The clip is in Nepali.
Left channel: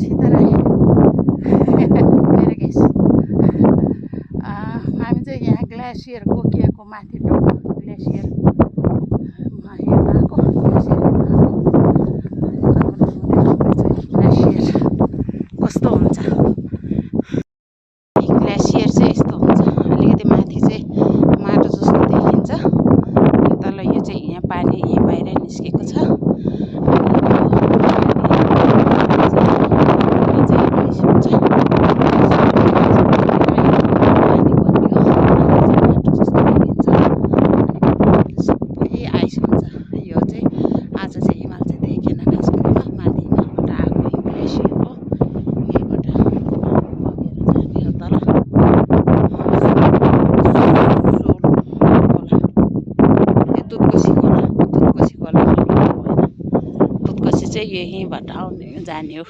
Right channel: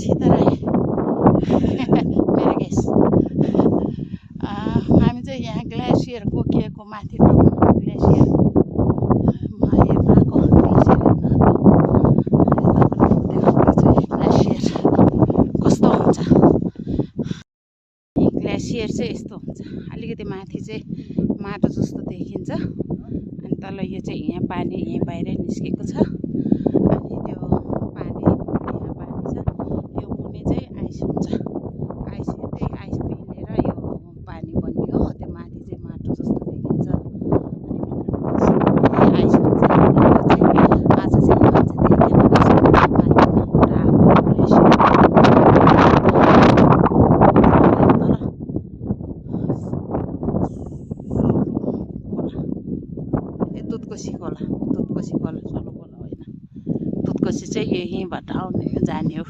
सीताराई मेरो गेस हामी चाहिँ यहाँ ग्लेसियर कोकियाको माथि ग्लेसियर गएको ग्लेसियर कस्तो हुन्छ ग्लेसियर चाहिँ यस्तो हुन्छ अलिकति माथि चाहिँ माटो जस्तो देखिन्छ अनि तल यो चाहिँ यहाँ पानी यहाँ बाहिर निस्केको छ यहीँबाट आउने जाने हो।